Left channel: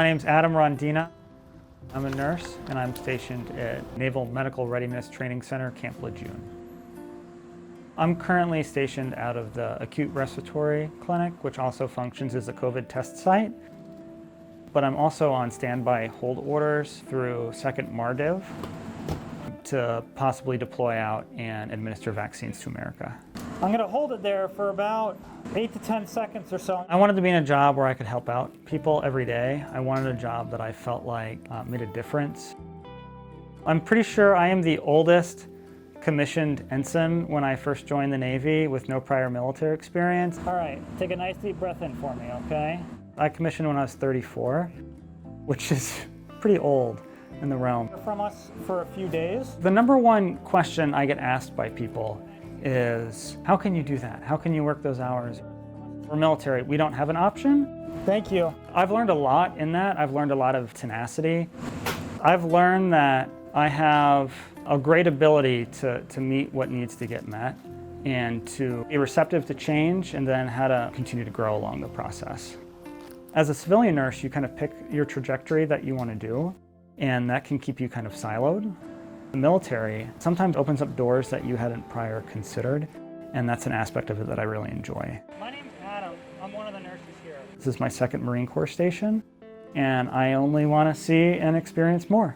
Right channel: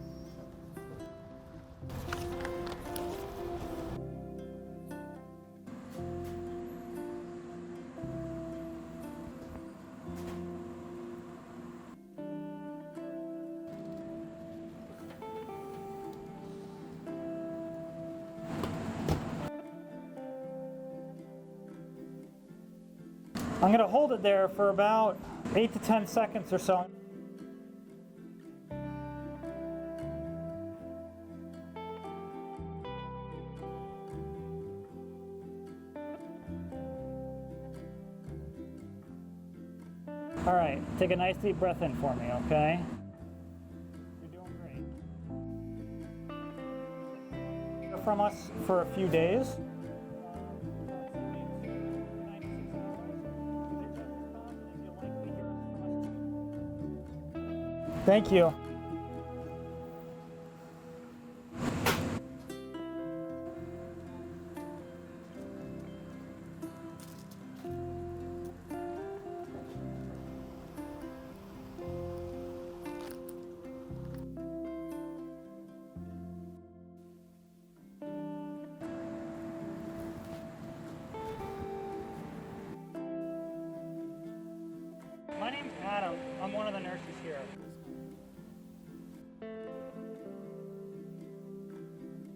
My name's Adam Rondina. I'm a nurse and I'm stationed at Naval Medical Readiness Training Center, Camp Lejeune. I'm currently stationed out of the Acute Respiratory Clinic, which also functions as a COVID test site. But I'm also on standby hold orders through 2nd MARDIV to possibly deploy out and administer vaccines to America. I'm gonna hold it there for about 8 to 10 seconds or so. I wanted to be in a job where I could help out people every day. I wanted a job that I felt like made a difference. I'm pretty sure I am the oldest commissioned ensign when I first joined the Navy with no prior military experience. All right, take a nice deep breath in for me, okay? I commissioned when I was 34, which is pretty old in the realm. From us for a few days. The number one question I get asked by people is, how can you do that? How can you work those hours? We're military, we don't have an option. Thank you. I've learned a lot in that. I've learned a lot of tenacity. I've learned that I have a great ability to meet what needs to get met and to be receptive to change, and then how to continue to grow along the process. As a civilian nurse, you kind of pick your trajectory that you want to do, and that can keep you kind of siloed. The military sometimes opens up doors that you hadn't prior considered, and that's an aspect of it that I really enjoy. My name's Adam. I'm one of the nurses here. This is my 2nd Marine Corps station, and I only want to see and experience more.